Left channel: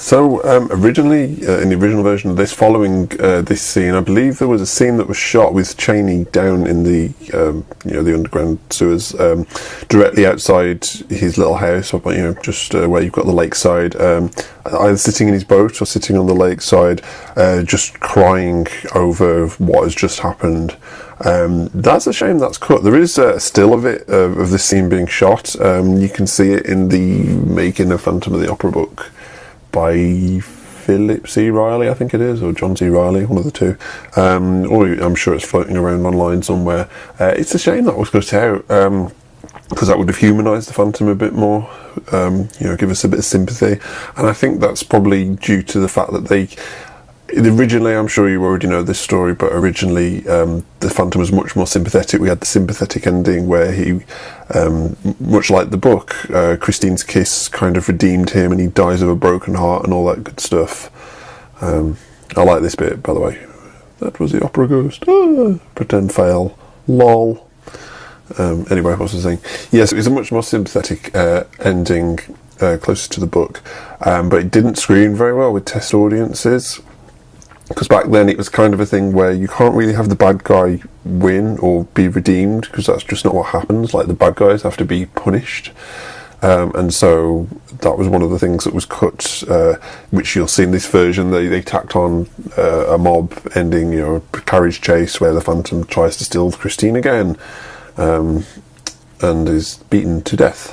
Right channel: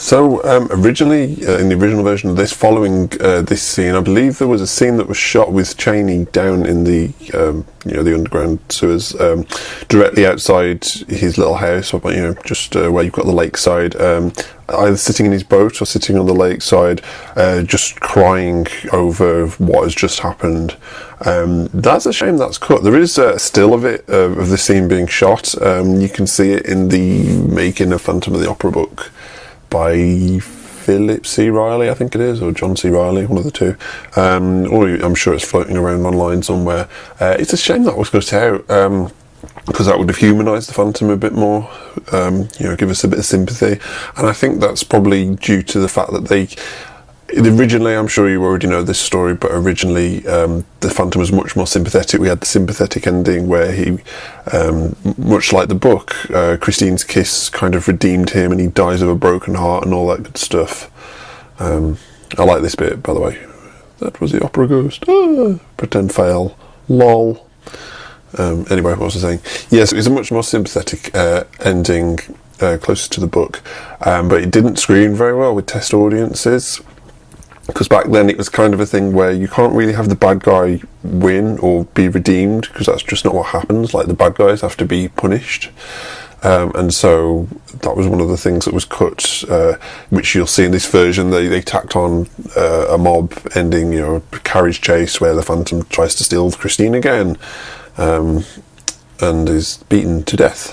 So originally, in the original version of this, following this scene, I believe there was a scene that was shot with Chaney down in the the underground sewers, directly outside his little house, or just where you've got the lakeside, either sitting in his boat or sitting on the lakeside, just crying over what has just happened. That's a shame that's cut. There is a still of it, of the scene being shot. You can see it in the making of Phantom of the Opera book by Philip C. Riley, I think it is, or John C. Riley, one of the two. Or I'm sure it's floating around online somewhere. It's a shame that was cut out, because that would have humanised the Phantom a bit more, give us a bit of sympathy. And I think that's probably due to the fact that originally, I'm sure you already know this story, but originally the Phantom was much more sympathetic. We had the sympathetic ending where he, much like the book, Christine's kiss kind of redeemed him and he dies of a broken heart and all that good stuff. I like this bit, by the way. That was the opera ghost. Pretend fail. Lol. Anyway, what was I saying? Yes, it was a much more sympathetic ending, closer to the book, but it didn't screen very well with test audiences. Because back then it was kind of a thing where you can't really have the bad guy win or be redeemed, because that's just not what happens. Like, the bad guys have to be punished. And so that was one of the things that was cut, which you'll see in this version. They tacked on a mob ending, a carriage chase where the Phantom tries to steal Christine again, and is beaten to death.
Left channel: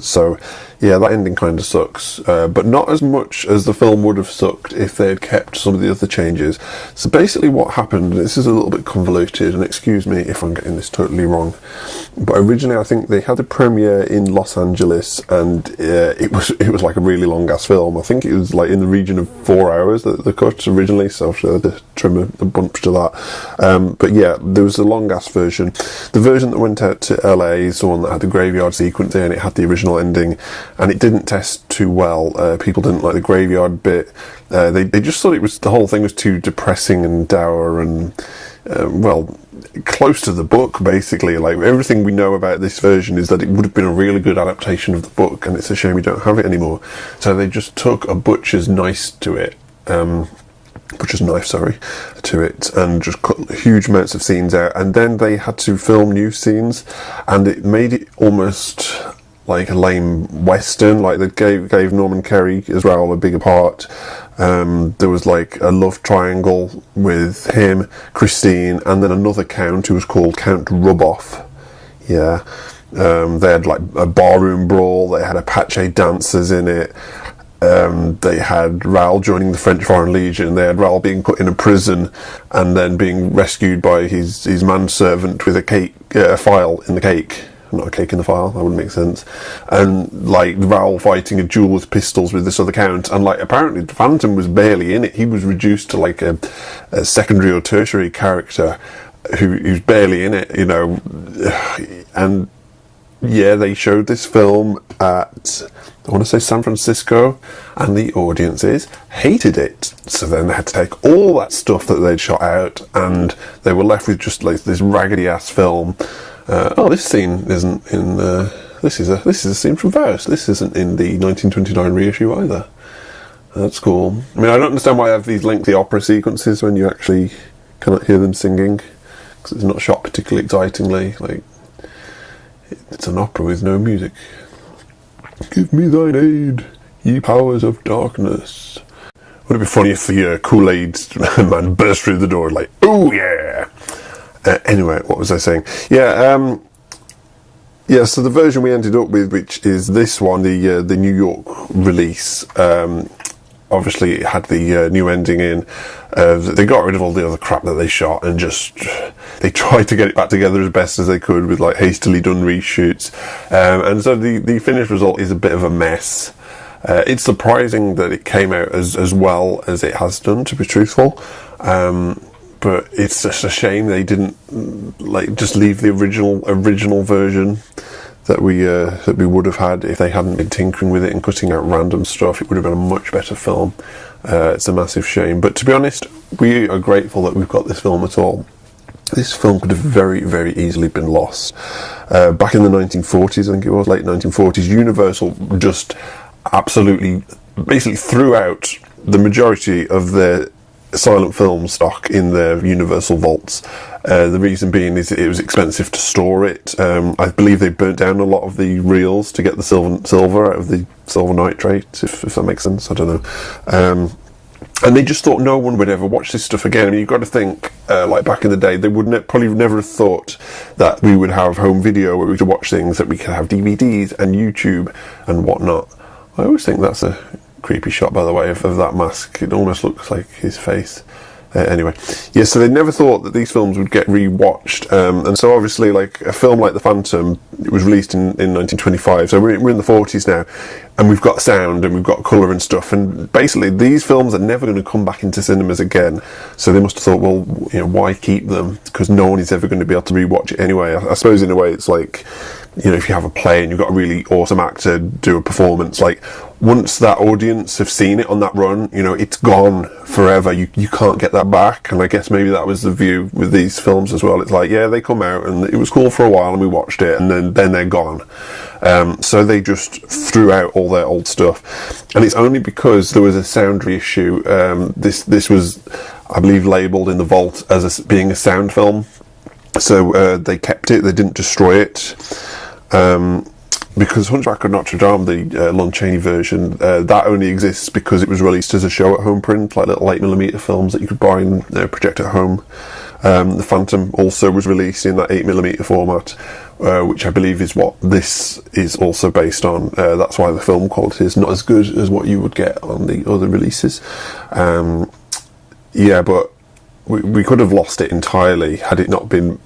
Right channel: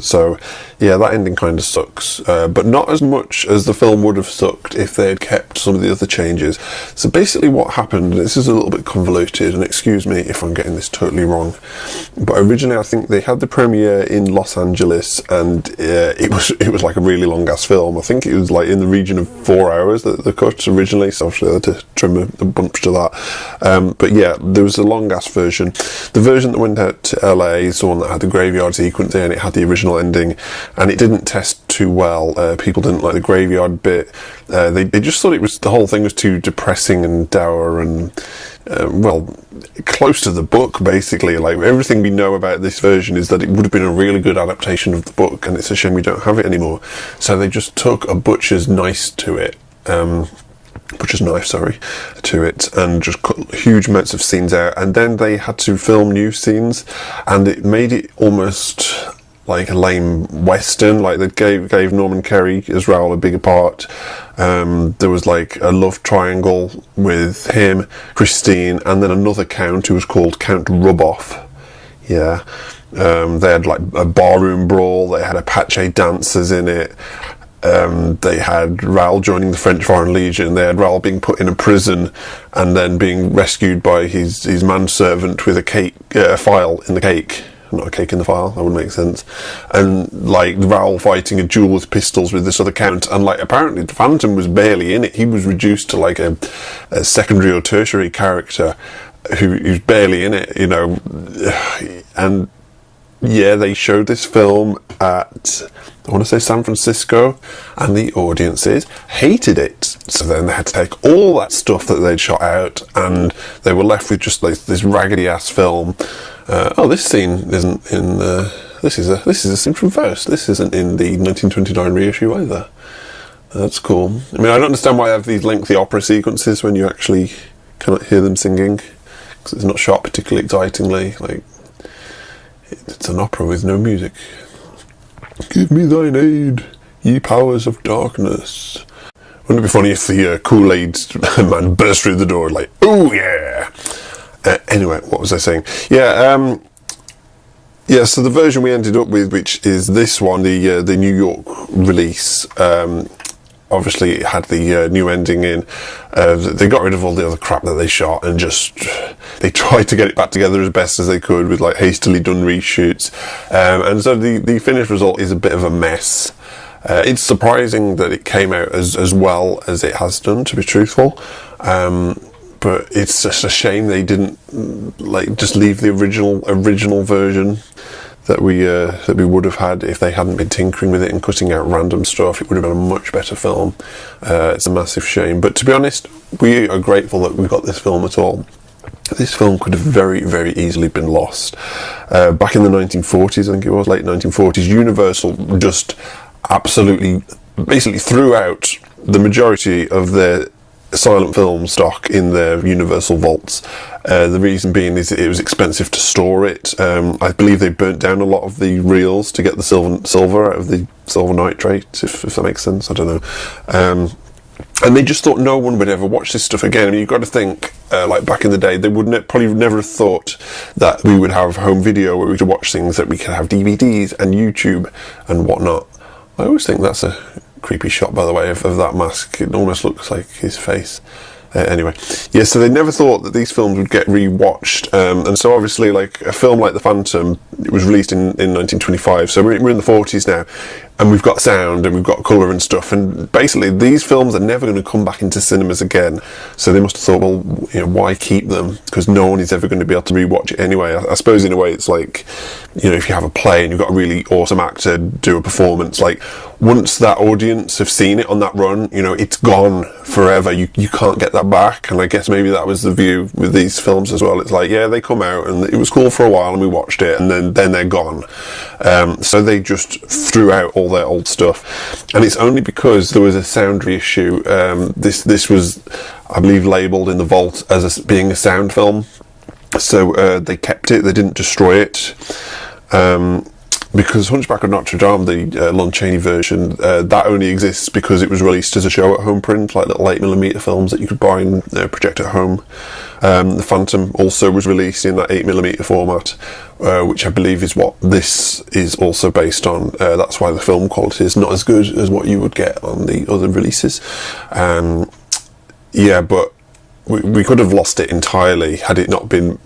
So, yeah, that ending kind of sucks, but not as much as the film would have sucked if they had kept some of the other changes. So basically what happened, this is a little bit convoluted, and excuse me if I'm getting this totally wrong, but originally I think they had the premiere in Los Angeles, and it was like a really long-ass film. I think it was like in the region of 4 hours that they cut originally, so I had to trim a bunch to that. But yeah, there was a long-ass version. The version that went out to LA is the one that had the graveyard sequence in, it had the original ending, and it didn't test too well. People didn't like the graveyard bit. They just thought the whole thing was too depressing and dour and, close to the book, basically. Like, everything we know about this version is that it would have been a really good adaptation of the book, and it's a shame we don't have it anymore. So they just took a butcher's knife to it, and just cut huge amounts of scenes out, and then they had to film new scenes, and it made it almost like a lame western. Like, they gave Norman Kerry as Raoul a bigger part. There was like a love triangle with him, Christine, and then another count who was called Count Ruboff. Yeah. They had like a barroom brawl, they had Apache dancers in it. They had Raoul joining the French Foreign Legion. They had Raoul being put in a prison and then being rescued by his manservant with a file in the cake. Not a cake in the file, that wouldn't make sense. And like Raoul fighting a duel with pistols with this other count, and like apparently the Phantom was barely in it. He was reduced to like a secondary or tertiary character who's barely in it, and yeah, they showed this film at, I want to say, San Francisco, and the audiences hated it. So then they had to take all that stuff that they'd shot out, and they were left with just like this raggedy-ass film. This scene isn't in. This is a scene from Faust. This isn't in the 1929 reissue either. That's cool. I mean, I don't understand why I have these lengthy opera sequences when you actually cannot hear them singing, because it's not shot particularly excitingly. Like, it's an opera with no music. Give me thine aid, ye powers of darkness. Wouldn't it be funny if the Kool-Aid man burst through the door like, oh yeah! Anyway, what was I saying? So the version we ended up with, which is this one, the New York release, obviously it had the new ending in. They got rid of all the other crap that they shot and just they tried to get it back together as best as they could with like hastily done reshoots, and so the finished result is a bit of a mess. It's surprising that it came out as well as it has done, to be truthful, but it's just a shame they didn't just leave the original version that we would have had if they hadn't been tinkering with it and cutting out random stuff. It would have been a much better film. It's a massive shame, but to be honest, we are grateful that we've got this film at all. This film could have very, very easily been lost. Back in the 1940s, I think it was, late 1940s, Universal just absolutely basically threw out the majority of the silent film stock in their Universal vaults. The reason being is it was expensive to store it. I believe they burnt down a lot of the reels to get the silver out of the silver nitrate, if that makes sense. I don't know. And they just thought no one would ever watch this stuff again. I mean, you've got to think, like back in the day, they would probably never have thought that we would have home video where we could watch things, that we could have DVDs and YouTube and whatnot. I always think that's a creepy shot, by the way, of that mask. It almost looks like his face. Anyway, yeah, so they never thought that these films would get re-watched, and so obviously, like a film like The Phantom, it was released in 1925, so we're in the 40s now, and we've got sound and we've got colour and stuff, and basically these films are never going to come back into cinemas again, so they must have thought, well, you know, why keep them, because no one is ever going to be able to re-watch it anyway. I suppose in a way it's like, you know, if you have a play and you've got a really awesome actor do a performance, like once that audience have seen it on that run, you know, it's gone forever. You can't get that back. And I guess maybe that was the view with these films as well. It's like, yeah, they come out and it was cool for a while and we watched it, and then they're gone. So they just threw out all their old stuff. And it's only because there was a sound reissue. This was, I believe, labelled in the vault as being a sound film. So they kept it, they didn't destroy it. Because Hunchback of Notre Dame, the Lon Chaney version, that only exists because it was released as a show-at-home print, like little 8mm films that you could buy and project at home. The Phantom also was released in that 8mm format, which I believe is what this is also based on. That's why the film quality is not as good as what you would get on the other releases. Yeah, but we could have lost it entirely had it not been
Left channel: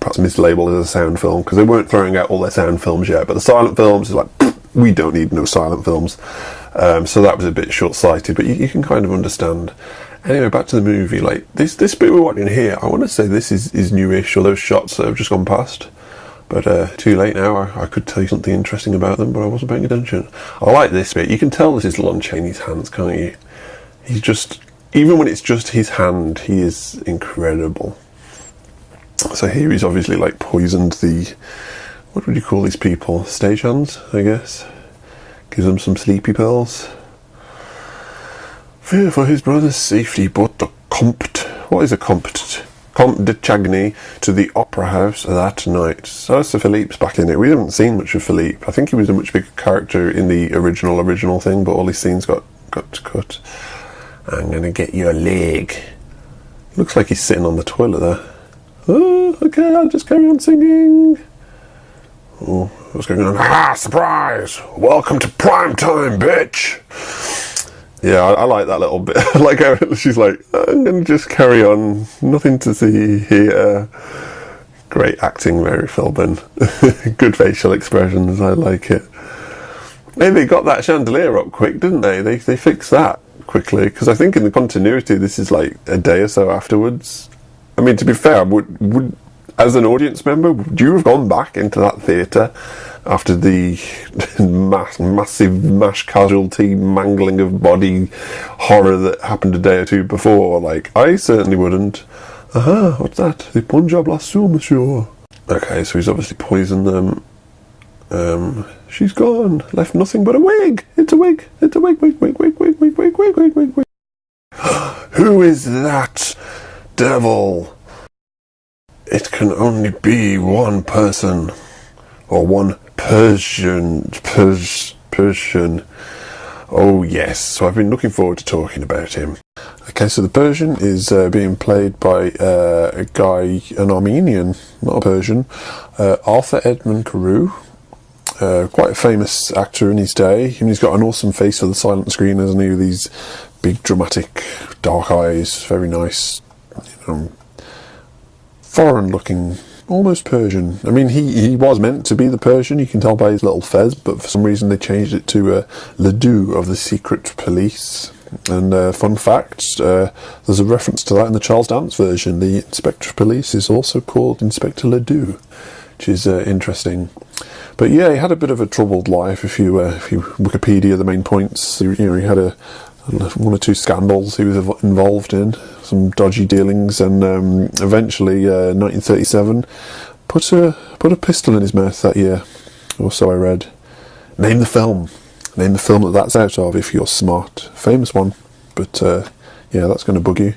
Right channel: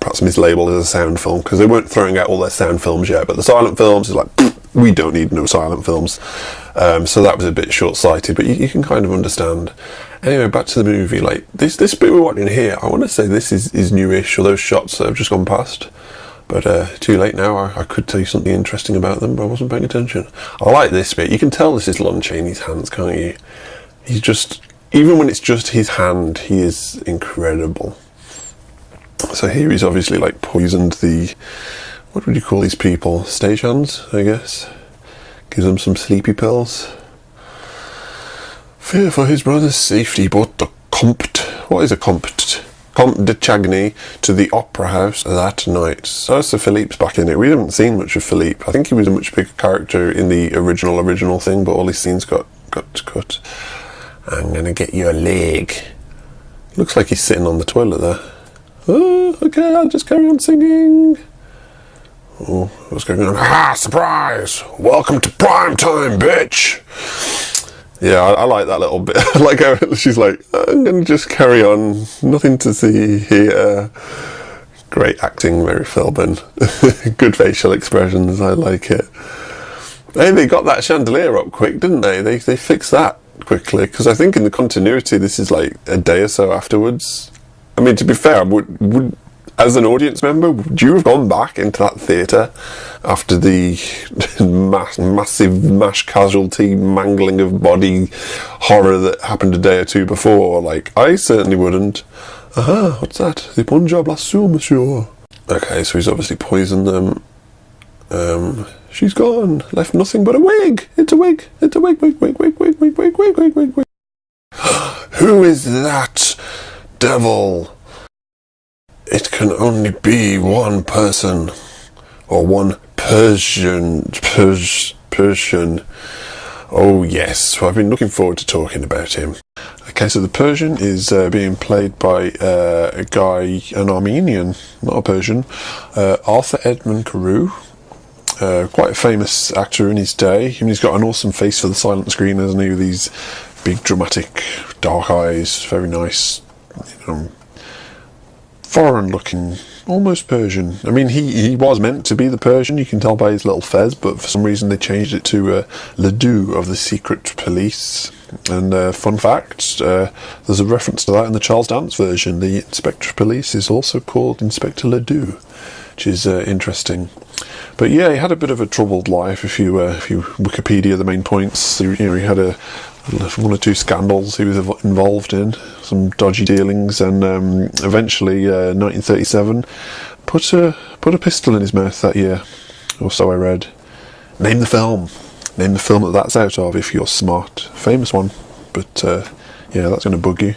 perhaps mislabeled as a sound film, because they weren't throwing out all their sound films yet, but the silent films is like, we don't need no silent films. So that was a bit short-sighted, but you can kind of understand. Anyway, back to the movie. Like this bit we're watching here, I want to say this is newish, or those shots that have just gone past. But too late now. I could tell you something interesting about them, but I wasn't paying attention. I like this bit. You can tell this is Lon Chaney's hands, can't you? He's just, even when it's just his hand, he is incredible. So here he's obviously like poisoned the, what would you call these people? Stagehands, I guess. Gives them some sleepy pills. Fear for his brother's safety brought the Comte de Chagny to the opera house that night. So Philippe's back in it. We haven't seen much of Philippe. I think he was a much bigger character in the original thing, but all his scenes got cut. I'm gonna get your leg. Looks like he's sitting on the toilet there. Oh, okay, I'll just carry on singing. Oh, what's going on? Ah, surprise! Welcome to prime time, bitch! Yeah, I like that little bit. I like how she's like, I'm gonna just carry on. Nothing to see here. Great acting, Mary Philbin. Good facial expressions, I like it. Hey, they got that chandelier up quick, didn't they? They fixed that quickly, because I think in the continuity this is like a day or so afterwards. I mean, to be fair, would as an audience member, would you have gone back into that theatre after the massive mass casualty mangling of body horror that happened a day or two before? Like, I certainly wouldn't. What's that? The Punjab lasso, monsieur. Okay, so he's obviously poisoned them. She's gone, left nothing but a wig. It's a wig. It's a wig. Wig. Who is that devil? It can only be one person, or one Persian. Oh yes, so I've been looking forward to talking about him. Okay, so the Persian is being played by a guy, an Armenian, not a Persian, Arthur Edmund Carew. Quite a famous actor in his day, and he's got an awesome face for the silent screen, hasn't he? With these big, dramatic, dark eyes, very nice, foreign-looking, almost Persian. I mean, he was meant to be the Persian, you can tell by his little fez, but for some reason they changed it to Ledoux of the Secret Police. And fun fact, there's a reference to that in the Charles Dance version. The Inspector of Police is also called Inspector Ledoux, which is interesting. But yeah, he had a bit of a troubled life. If you Wikipedia the main points, he had one or two scandals he was involved in, some dodgy dealings, and eventually, 1937, put a pistol in his mouth that year, or so I read. Name the film. Name the film that's out of if you're smart. Famous one. But, yeah, that's going to bug you.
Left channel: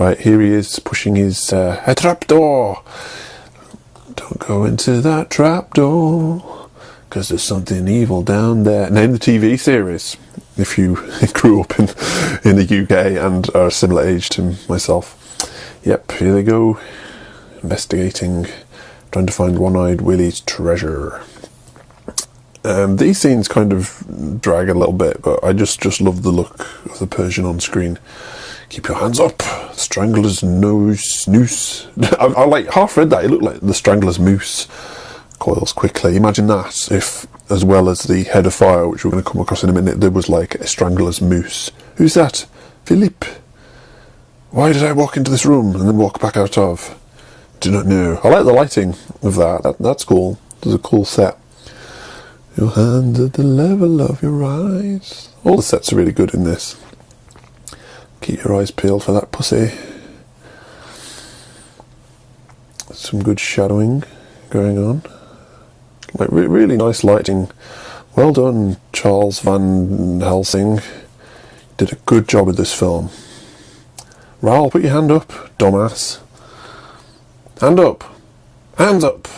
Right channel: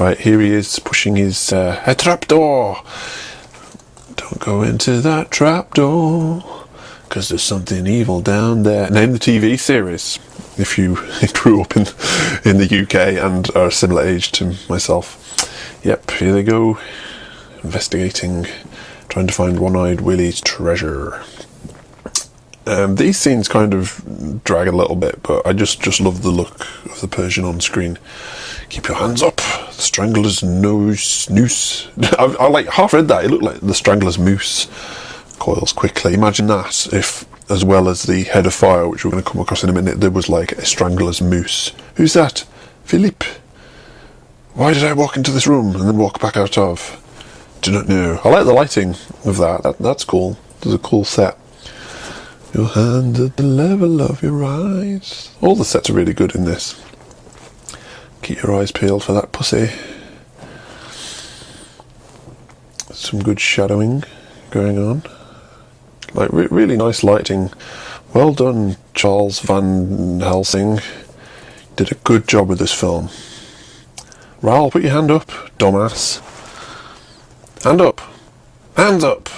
Right, here he is pushing his a trapdoor. Don't go into that trapdoor, because there's something evil down there. Name the TV series, if you grew up in the UK and are a similar age to myself. Yep, here they go. Investigating, trying to find One-Eyed Willie's treasure. These scenes kind of drag a little bit, but I just love the look of the Persian on screen. Keep your hands up. Strangler's noose. I like half read that. It looked like the Strangler's moose. Coils quickly. Imagine that if, as well as the head of fire, which we're going to come across in a minute, there was like a Strangler's moose. Who's that? Philip. Why did I walk into this room and then walk back out of? Do not know. I like the lighting of that. That's cool. There's a cool set. Your hand at the level of your eyes. All the sets are really good in this. Keep your eyes peeled for that pussy. Some good shadowing going on. Like really nice lighting. Well done, Charles Van Helsing. Did a good job with this film. Raoul, put your hand up, dumbass. Hand up. Hands up.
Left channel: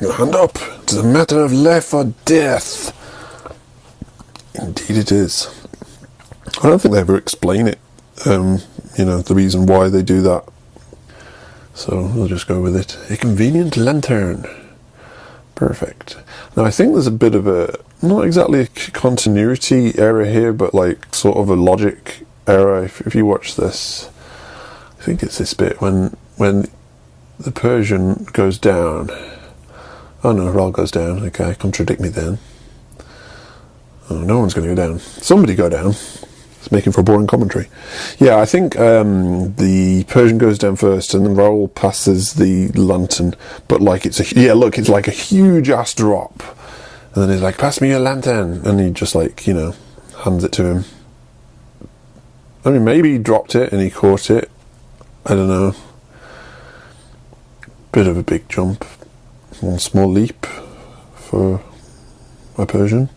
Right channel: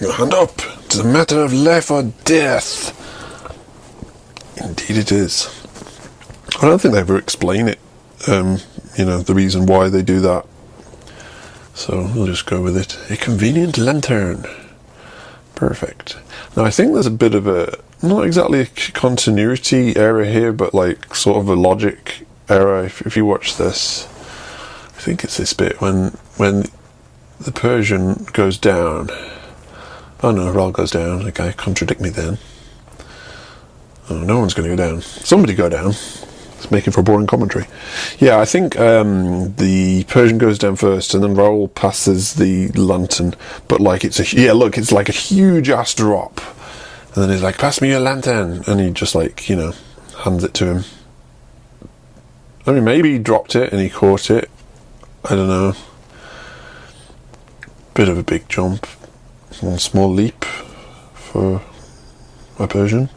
Your hand up. It's a matter of life or death. Indeed it is. I don't think they ever explain it. The reason why they do that. So we'll just go with it. A convenient lantern. Perfect. Now I think there's a bit of a, not exactly a continuity error here, but like sort of a logic error. If you watch this, I think it's this bit when the Persian goes down. Oh no, Raoul goes down. Okay, contradict me then. Oh, no one's going to go down. Somebody go down. It's making for a boring commentary. Yeah, I think the Persian goes down first, and then Raoul passes the lantern. But like it's like a huge ass drop. And then he's like, "Pass me your lantern," and he just hands it to him. I mean, maybe he dropped it and he caught it. I don't know. Bit of a big jump. A small leap for my Persian.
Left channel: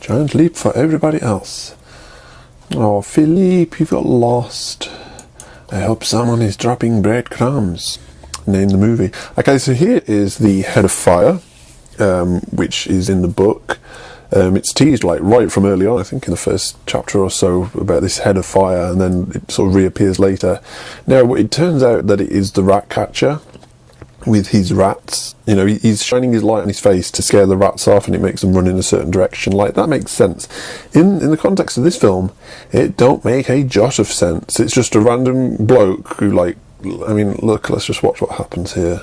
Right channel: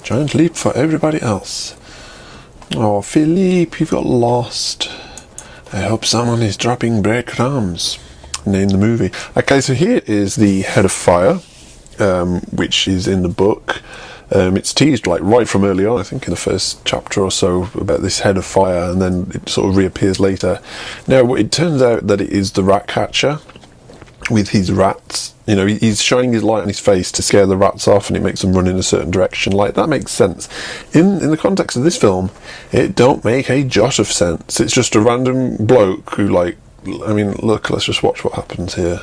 Giant leap for everybody else. Oh, Philippe, you got lost. I hope someone is dropping breadcrumbs. Name the movie. Okay, so here is the head of fire, which is in the book. It's teased right from early on, I think in the first chapter or so, about this head of fire, and then it sort of reappears later. Now, it turns out that it is the rat catcher with his rats. He's shining his light on his face to scare the rats off, and he makes them run in a certain direction. Like, that makes sense. In the context of this film, it don't make a jot of sense. It's just a random bloke who, look, let's just watch what happens here.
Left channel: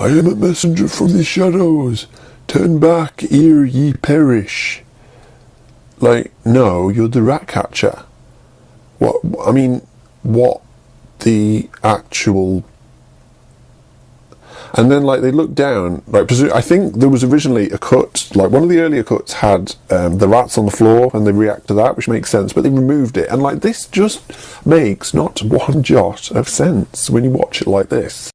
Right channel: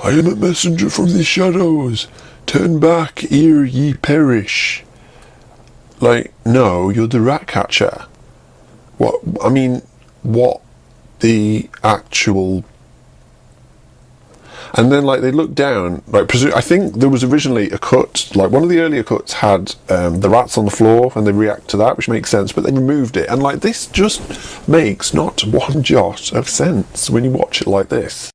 I am a messenger from the shadows. Turn back, ere ye perish. No, you're the rat catcher. What the actual... And then, they look down, I think there was originally a cut, one of the earlier cuts had the rats on the floor, and they react to that, which makes sense, but they removed it. And, this just makes not one jot of sense when you watch it like this.